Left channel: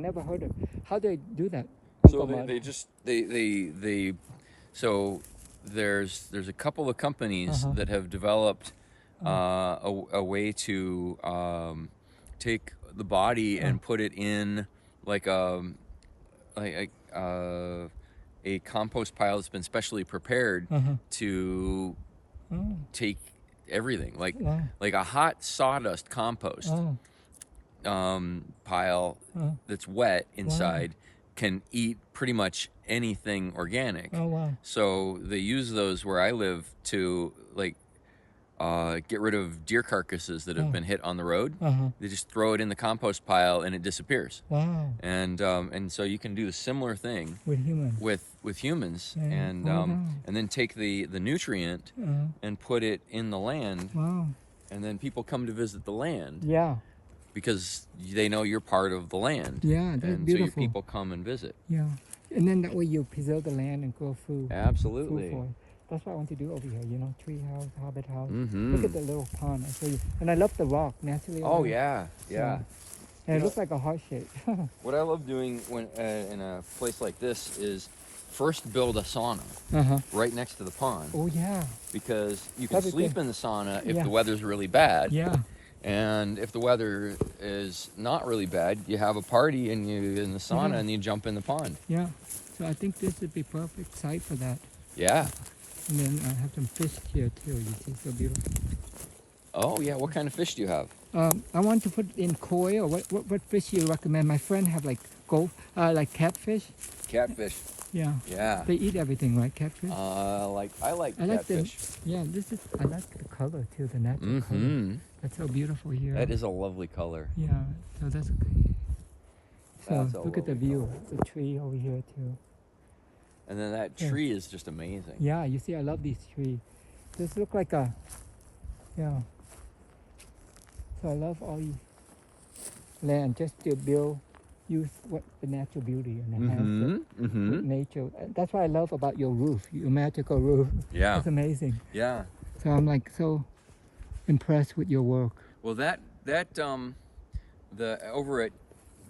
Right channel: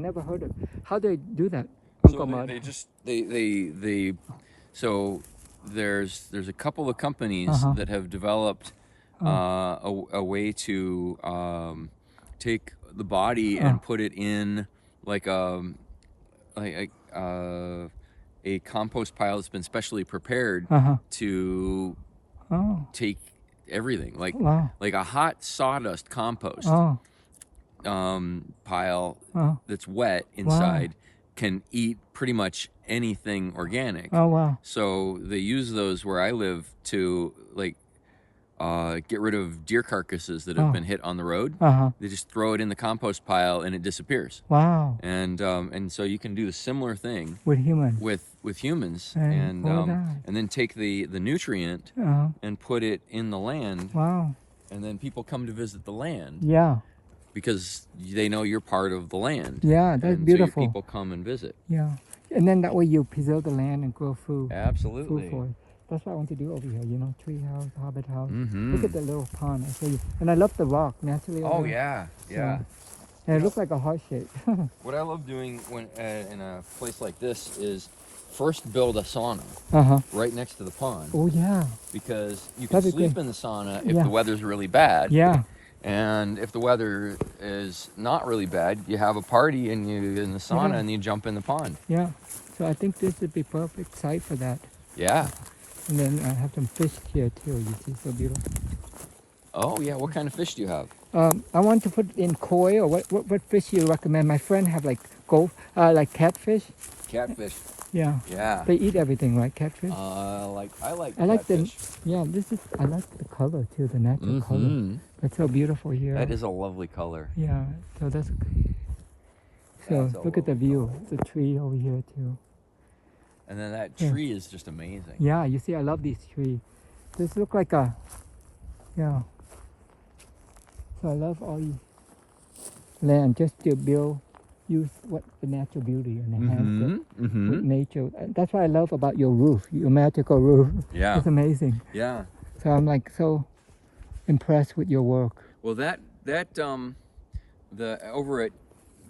never heard of. How do they do that, So Uncle Mud? they just they so there's a couple of companies that have developed a way to take the body and put it in like like a compost pile that's been specially prepared to Oh, take everything, wow. like a hot sawdust compost Oh, pile that's wet inside can eat pretty much anything organic. oh, wow. So they use those where I live to like get rid of deer carcasses that have been hit on the road. They just throw it in the compost pile and it disappears. Wow. And so you can do the similar thing With humans. with humans, And all that. and then take the nutrient and put it in the land, Wow. and then people come to visit the land Yeah. because they know you're part of the land. Yeah, that's and beautiful. So your people come and visit. Yeah. And then that way you preserve the land and grow food. Absolutely. Food for it. That's what I want to do over here, tree house, hobbit house. Mm-hmm. Look at the little pond. I tell you. And I love the rock naturally. Oh yeah, yeah. And it looks like a heart shape. What I love doing when in a place like this is first build a sauna right next to the pond, Oh yeah. because you can That'd be sleep good. in the sauna if Yeah. the weather's really bad. Yeah. And if the weather is not really bad, you have a party and you in the sauna and you jump in the pond. Yeah. So I think this would be perfect site for that. Yeah. And then I have some fish here too. You see, so beautiful. Oh yeah. What kind of fish do you have? I want to put in koi, or what fish you recommend? My friend have like like catfish. Catfish. Yeah. Yeah. They eat everything, right? Catfish. I like I like catfish. Yeah, I like the color too, the natural color. Mm-hmm. It's so beautiful here. That is a lovely color. Yeah, so that's okay. So That's look at the view. The tree over here too. And then that tree is just amazing. Yeah, you see, I love these trees. This look like a, yeah. So I love all these land just to use what the natural beauty and enhance it with nature. And that's what I love about your roof, your magical roof. Yeah. It's amazing. Yeah. So I'm like so impressed with your work. Well, the over at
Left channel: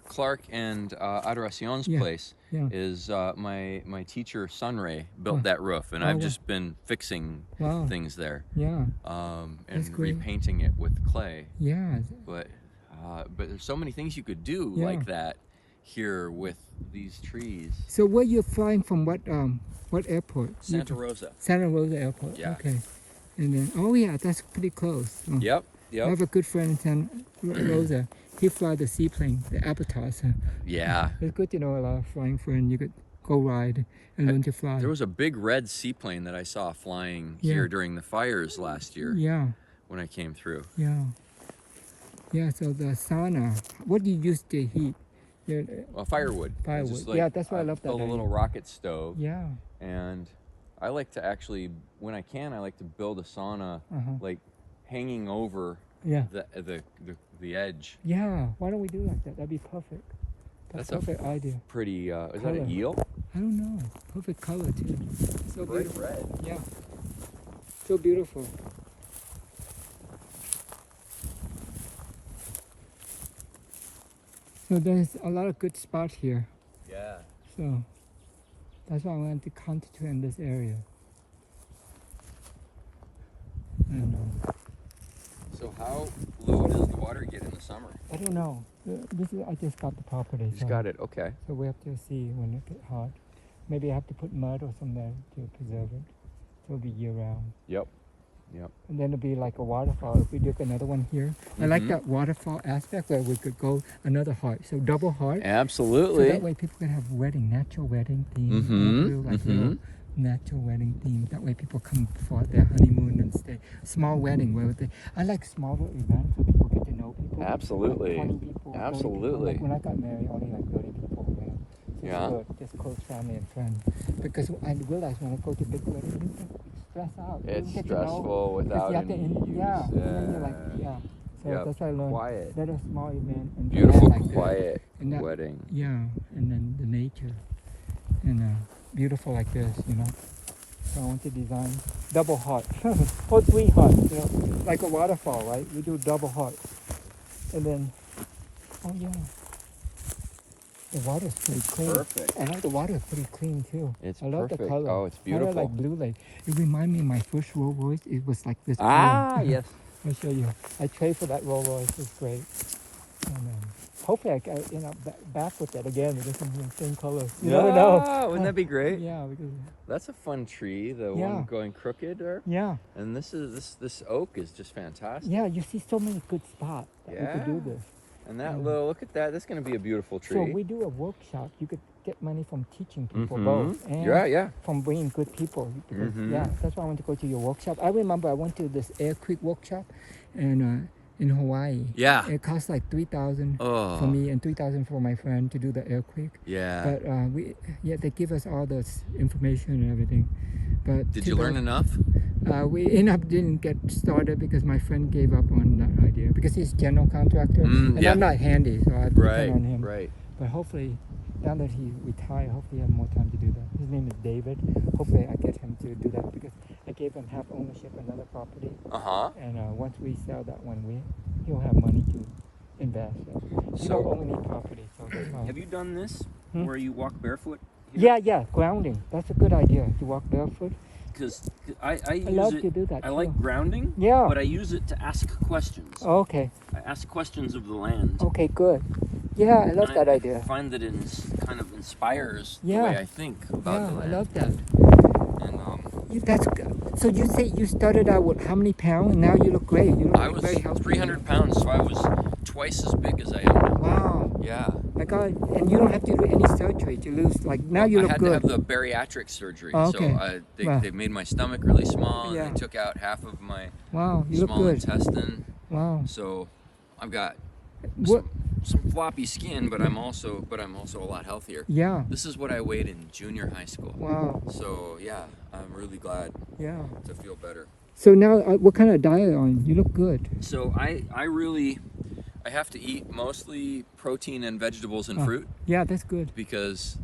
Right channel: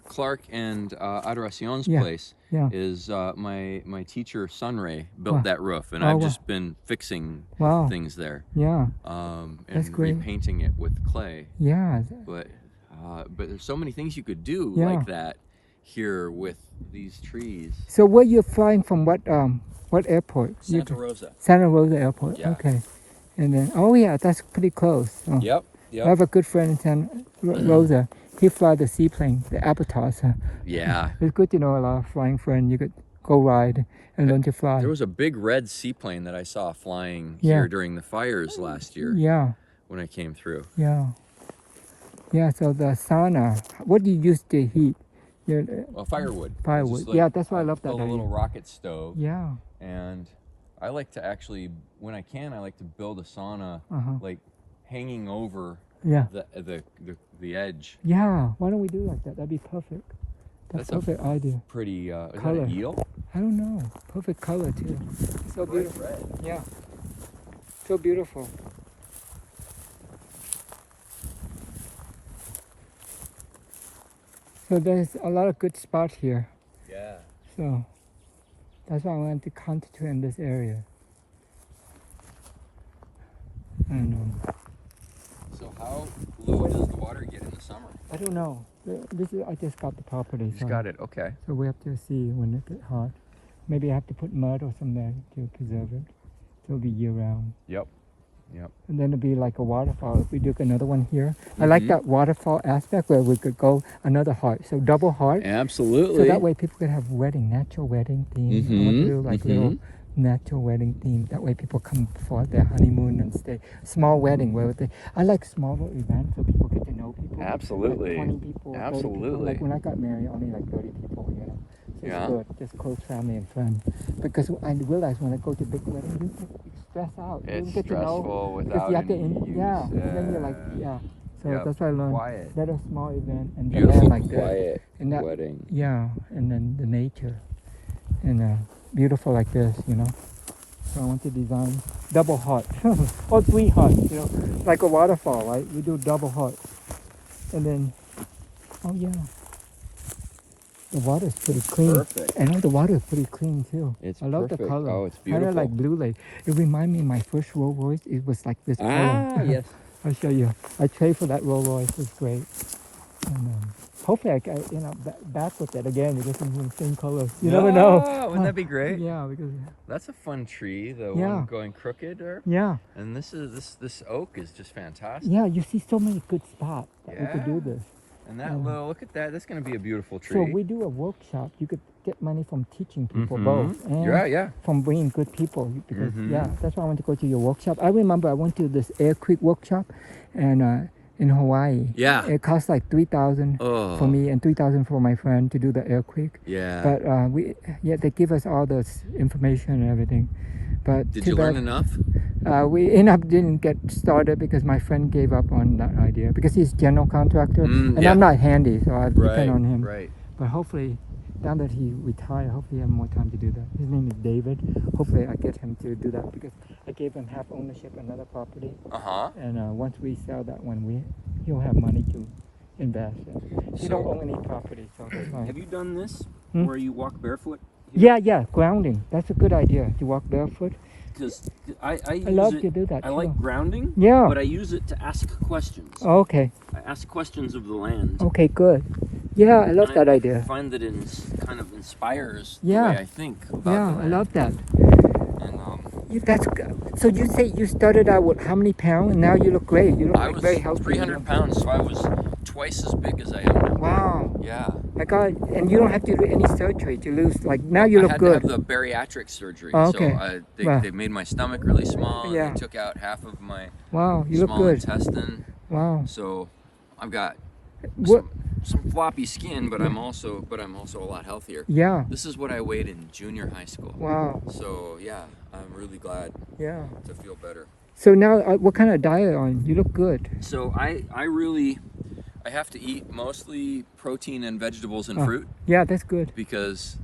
Clark and Adoracion's Yeah, place yeah. is my teacher Sunray built Wow. that roof, and Oh, I've wow. just been fixing Wow. things there, Yeah, and That's great. repainting it with clay. yeah. But there's so many things you could do Yeah. like that here with these trees. So where you're flying from? What airport? Santa Rosa. Santa Rosa Airport. Yeah. Okay. And then yeah, that's pretty close. Oh. Yep. I have a good friend in Santa Rosa. He fly the seaplane, the Abatas. Yeah. It's good to know a lot of flying friends. You could go ride and learn to fly. There was a big red seaplane that I saw flying Yeah. here during the fires last year Yeah, when I came through. yeah. Yeah, so the sauna, what do you use to heat? Well, firewood. It's Firewood. just like Yeah, that's why I love that build a idea. little rocket stove. Yeah. And I like to actually, when I can, I like to build a sauna like hanging over Yeah. the edge. Yeah. Why don't we do like that? That'd be perfect. That's a perfect idea. Pretty, is that Color. an eel? I don't know. Perfect color too. So beautiful. Red. Yeah. So beautiful. So there's a lot of good spots here. Yeah. So that's why I wanted to concentrate in this area. I don't know. So how low does the water get in the summer? I don't know. I just got the property. You just got it, okay. So we have to see when it gets hot. Maybe I have to put mud or something there to preserve it. So it'll be year round. Yep. And then it'll be like a waterfall. If we do another one here. I like that waterfall aspect where we could go another heart. So double heart. Absolutely. So that way people can have natural wedding theme. Little natural wedding theme. That way people come for their honeymoon and stay. Small wedding where I like smaller events so people get to know people. Absolutely. Like 20 people, 30 people. Absolutely. Like when I got married, only like 30 people. So Yeah. it's good, just close family and friends. Because I realized when I go to big weddings, you stress out. You It's get to know. stressful Because without you have to, any use. and then you're like, So Yep. that's why I learned. Quiet. Let a small event and Beautiful, like that. quiet And that, wedding. yeah, and then the nature, and beautiful like this, So I want to design double heart, or 3 hearts, too. Like a waterfall, right? We do double heart, and then, oh yeah. The water's pretty clean. Perfect. And the water's pretty clean too. It's I love perfect. the color. Oh, it's Kinda beautiful. like Blue Lake. It reminds me of my first Rolls Royce. It was like this Ah, color. yes. I'll show you. I traded for that Rolls Royce. It's great. Hopefully I can, back with it again because I'm the same color. You never know. Wouldn't that be great? Yeah, because That's a fun tree, the Yeah. one going crooked there. yeah, And this oak is just fantastic. yeah. You see so many good spots that we could do Yeah. this. And that little, look at that. That's going to be a beautiful So tree. we do a workshop. You could get money from teaching people Mhm. both, and Yeah. from bringing good people. Because, Mhm. yeah, that's why I want to go to your workshop. I remember I went to this Air Creek workshop, and in Hawaii. Yeah. It cost like $3,000 Oh. for me and $3,000 for my friend to do the Air Creek. Yeah. But they give us all this information and everything. But Did too you learn bad, enough? we didn't get started because my friend gave up on that idea because he's general contractor and Yeah. I'm not handy, so I depend Right. on him. Right. But hopefully, now that he retired, hopefully he has more time to do that. His name is David. Hopefully I get him to do that because I gave him half ownership of another property, Uh-huh. and once we sell that one, he'll have money to invest. I So- don't own any property, so it's fine. Have you done this Hmm? where you walk barefoot? Yeah, grounding. That's a good idea. To walk barefoot. Because I I use love it. to do that. I too. like grounding, Yeah. but I use it to ask questions. Okay. I ask questions of the land. Okay. Good. Yeah, I love And that I idea. find that it kind of inspires Yeah. the way I think about Yeah, the I land. love that. And That's good. So you say you started out with how many pounds, and now you look great. You look I like was very healthy. 300 pounds, so I was twice as big as I am now. Wow. Yeah. My God. And you don't have to do any surgery to lose. Like now you I look had good. to have the bariatric surgery. Oh, okay. So Wow. they made my stomach really small. And Yeah. They took out half of my Wow. You look small good. intestine. Wow. So I've got What? some floppy skin, but I'm also a lot healthier. Yeah. This is what I weighed in junior high school. Wow. So yeah, I'm really glad Yeah. to feel better. So now, what kind of diet are you on? You look good. So I have to eat mostly protein and vegetables and Oh. fruit Yeah, that's good. because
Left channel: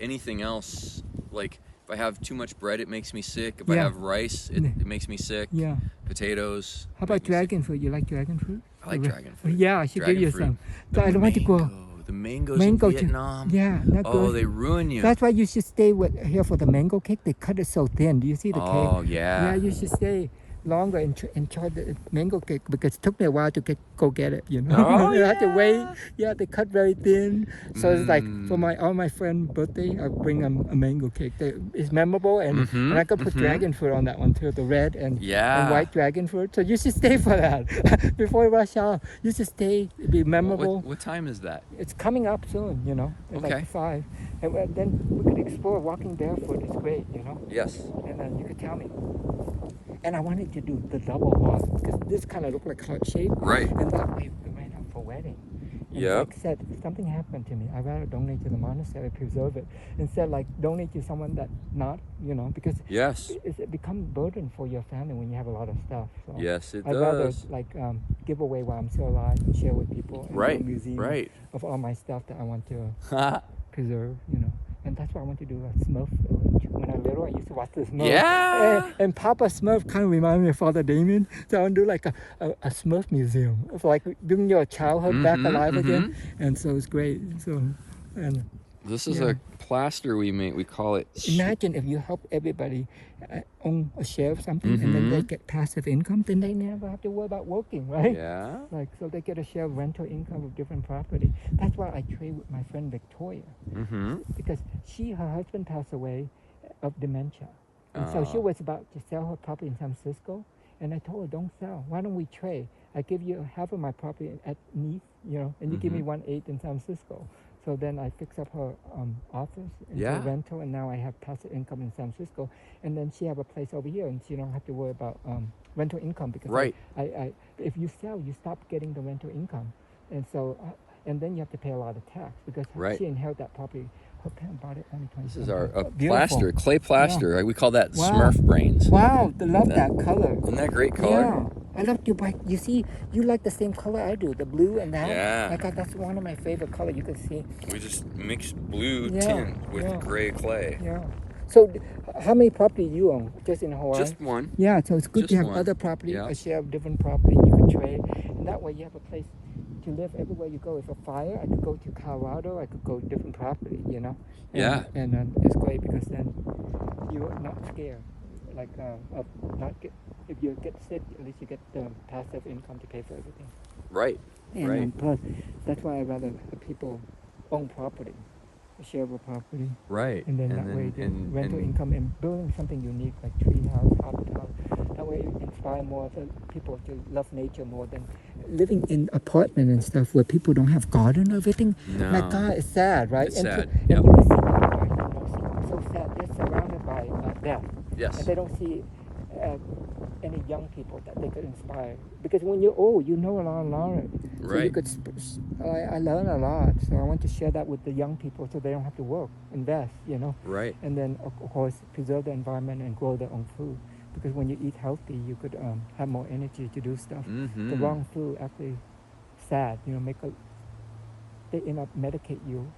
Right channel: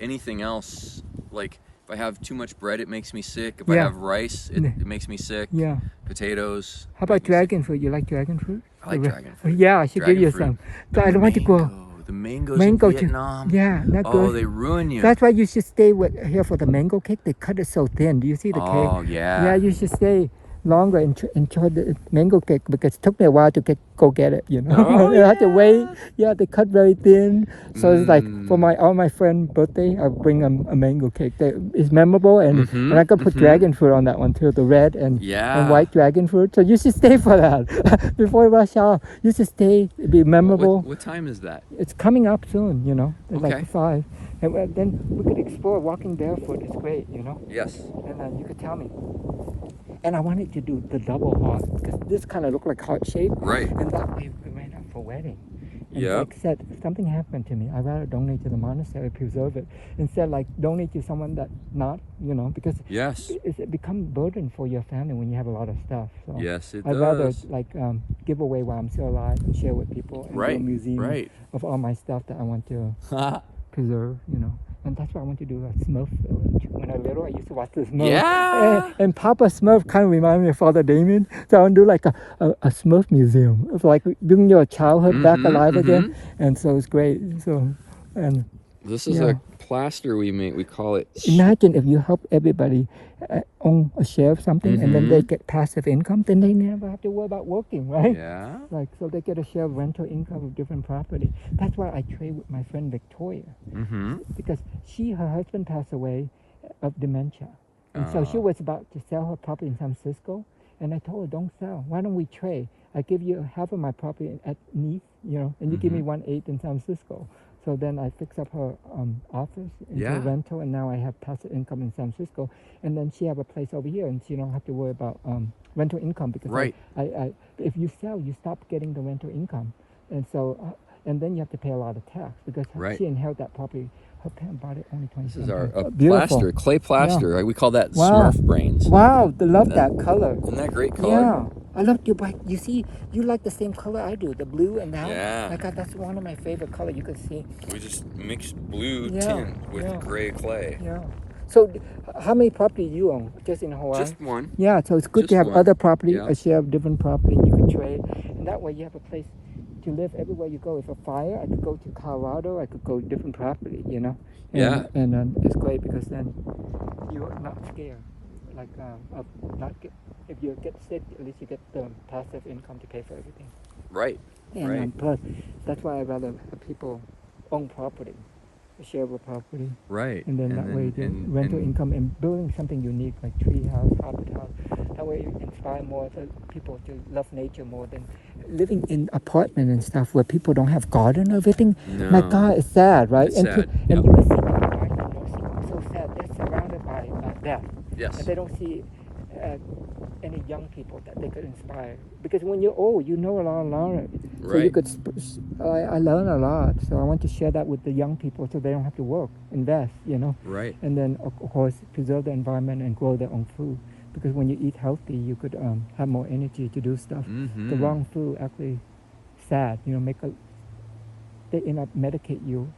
anything else, like if I have too much bread, it makes me sick. If I Yeah. have rice, it makes me sick. Yeah. Potatoes. How about make me sick. dragon fruit? You like dragon fruit? I like dragon fruit. Yeah, I should give Dragon you fruit. some. But I don't want to go. The mangoes Mango in too. Vietnam. Yeah, not Oh, good. they ruin you. That's why you should stay here for the mango cake. They cut it so thin. Do you see the cake? Oh yeah. Yeah, you should stay longer and enjoy the mango cake because it took me a while to go get it. You know, Oh, you have to wait. Yeah, they cut very thin. So it's like for Mm. all my friends' birthday, I bring them a mango cake. It's memorable, and Mhm, and I can put mhm. dragon fruit on that one too, the red and Yeah. white dragon fruit. So you should stay for that before rush hour. You should stay. It'd be memorable. What time is that? It's coming up soon, It's Okay. like 5. And then we could explore walking barefoot. It's great, Yes. And then you could tell me. And I wanted to do the double walk because this kind of looked like heart shape. Right. And that way I might have for wedding. And Yep. Like I said, if something happened to me, I'd rather donate to the monastery, preserve it, instead like donate to someone that not, because Yes. it becomes a burden for your family when you have a lot of stuff. So Yes, it I'd rather does. give away while I'm still alive and share with people. And do Right. a museum Right. of all my stuff that I want to preserve, And that's what I want to do a Smurf village. When I was little, I used to watch this Smurf. Yeah. And Papa Smurf kind of reminded me of Father Damien. So I want to do like a Smurf museum. It's like bringing your childhood back Mhm, alive again. And so it's great. So, and This is Yeah. a plaster we make. We call it. imagine if you help everybody own a share of something and then they get passive income, then they never have to worry about working, right? Yeah. Like, so they get a share of rental income of different property. That's why I trade with my friend Victoria. Mm-hmm. Because her husband passed away of dementia. And so she Oh. was about to sell her property in San Francisco. And I told her, don't sell. Why don't we trade? I give you half of my property at Neath, and you give me 1/8 in San Francisco. So then I fix up her office into Yeah. rental, and now I have passive income in San Francisco. And then she have a place over here, and she don't have to worry about rental income because Right. I if you sell, you stop getting the rental income, and so and then you have to pay a lot of tax because Right. she inherited that property. Her parents bought it only 20. This is our Beautiful. plaster, clay plaster. Right? We call that Wow. Smurf brains. Wow, I love that color. Isn't that great color? Yeah, I love you. But you see, you like the same color I do, the blue and that. Yeah. That's one of my favorite color. You can see. We just mixed blue Yeah, tint with yeah. gray clay. Yeah. So, how many property you own? Just in Hawaii? Just one. Yeah. So it's good just to have one. other property, Yeah. a share of different property. You can trade, and that way you have a place to to live everywhere you go. If a fire, I could go to Colorado. I could go different property. You know. Yeah. And it's great because then you're not scared. Like of not get, if you get sick, at least you get the passive income to pay for everything. Right. And Right. plus, that's why I'd rather have people own property, shareable property, Right. and then that way the rental income and building something unique like tree house, habitat. That way you inspire more people to love nature more than living in apartment and stuff where people don't have garden or everything. No. My God, it's sad, right? It's and sad, and yep. you can see people, right? So sad. They're surrounded by death. Yes. And they don't see any young people that they could inspire. Because when you're old, you know a lot of knowledge. So you Right. could, I learn a lot. So I want to share that with the young people so they don't have to work, invest, you know. Right. And then, of course, preserve the environment and grow their own food. Because when you eat healthy, you could have more energy to do stuff. Mm-hmm. The wrong food actually sad, you know, they end up medicate you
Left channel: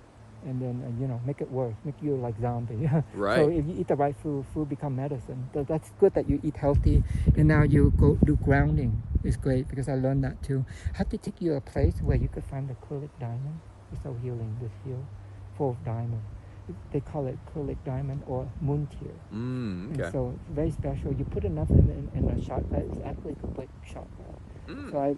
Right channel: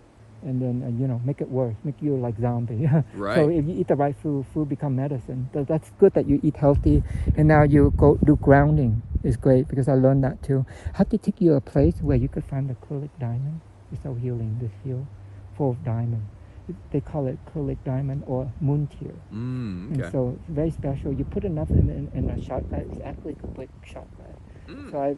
and then, you know, make it worse, make you like zombie. So Right. if you eat the right food become medicine. So that's good that you eat healthy. And now you go do grounding. It's great because I learned that too. I have to take you a place where you could find the acrylic diamond. It's so healing, this here, full of diamond. They call it acrylic diamond or moon tear. Mm, And okay. so it's very special. You put enough in a chakra, it's actually complete chakra. Mm. So I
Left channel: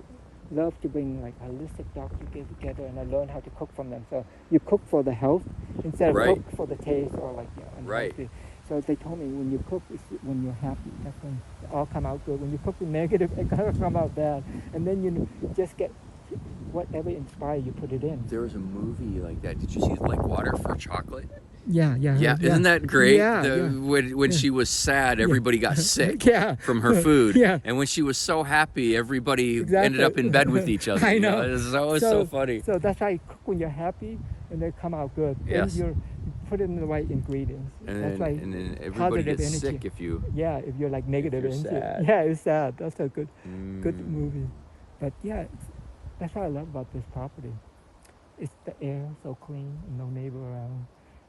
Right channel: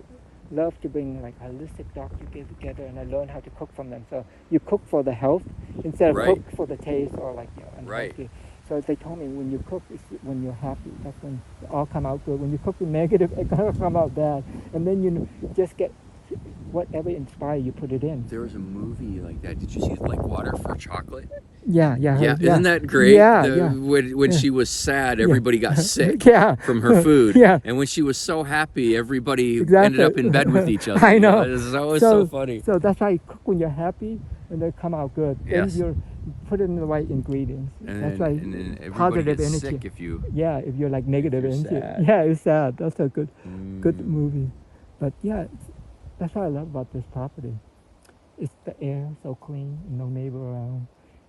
love to bring like holistic doctors together and I learn how to cook from them. So you cook for the health instead of Right. cook for the taste or like Right. unhealthy. So they told me when you cook, it's when you're happy. That's when it all come out good. When you cook with negative, it gonna come out bad. And then you just get whatever inspires you, put it in. There was a movie like that. Did you see like Water for Chocolate? Yeah. Yeah, isn't that great? Yeah. When she was sad, everybody got sick Yeah. from her food. Yeah. And when she was so happy, everybody ended Exactly. up in bed with each other. I you know. It's always so funny. So that's why you cook when you're happy and they come out good. Yes. Then you put in the right ingredients. And That's then, like and then everybody positive gets energy. sick if you. Yeah, if you're like negative you're energy. sad. Yeah, it's sad. That's a good Mm. movie. But yeah, that's what I love about this property. It's the air so clean, no neighbor around,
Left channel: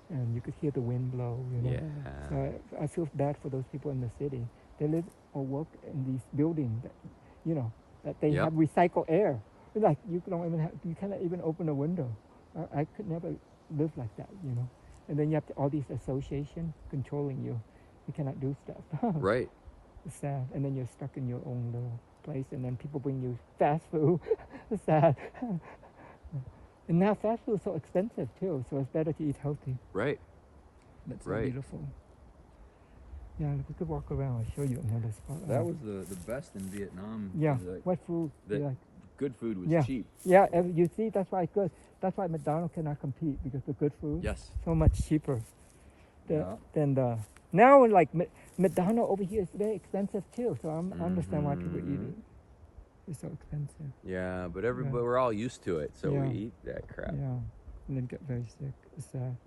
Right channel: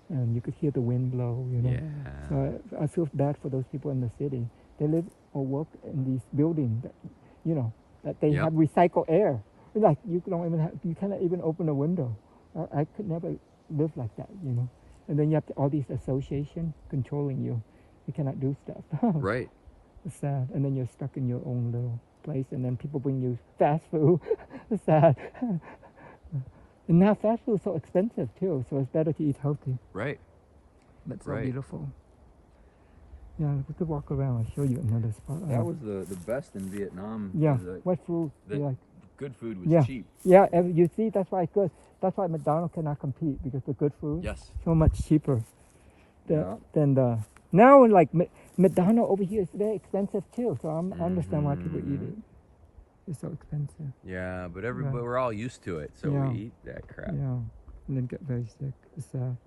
and you could hear the wind blow. You know? Yeah. So I feel bad for those people in the city. They live or work in these buildings, that, you know, that they Yep. have recycled air. It's like you cannot even open a window. I could never live like that, you know. And then you have all these associations controlling you. You cannot do stuff. Right. It's sad. And then you're stuck in your own little place, and then people bring you fast food. It's sad. And now fast food is so expensive too, so it's better to eat healthy. Right. But so Right. beautiful. Yeah, we could walk around and show you another spot. That was the best in Vietnam. Yeah. was, What food? the- Yeah. Good food was Yeah. cheap. Yeah, and you see, that's why it's good. That's why McDonald's cannot compete because the good food Yes. so much cheaper Yeah. than the now. Like McDonald's over here is very expensive too, so I understand why people eat it. It's so expensive. Yeah, but Yeah. we're all used to it, so Yeah. we eat that crap. Yeah, and then get very sick. It's sad.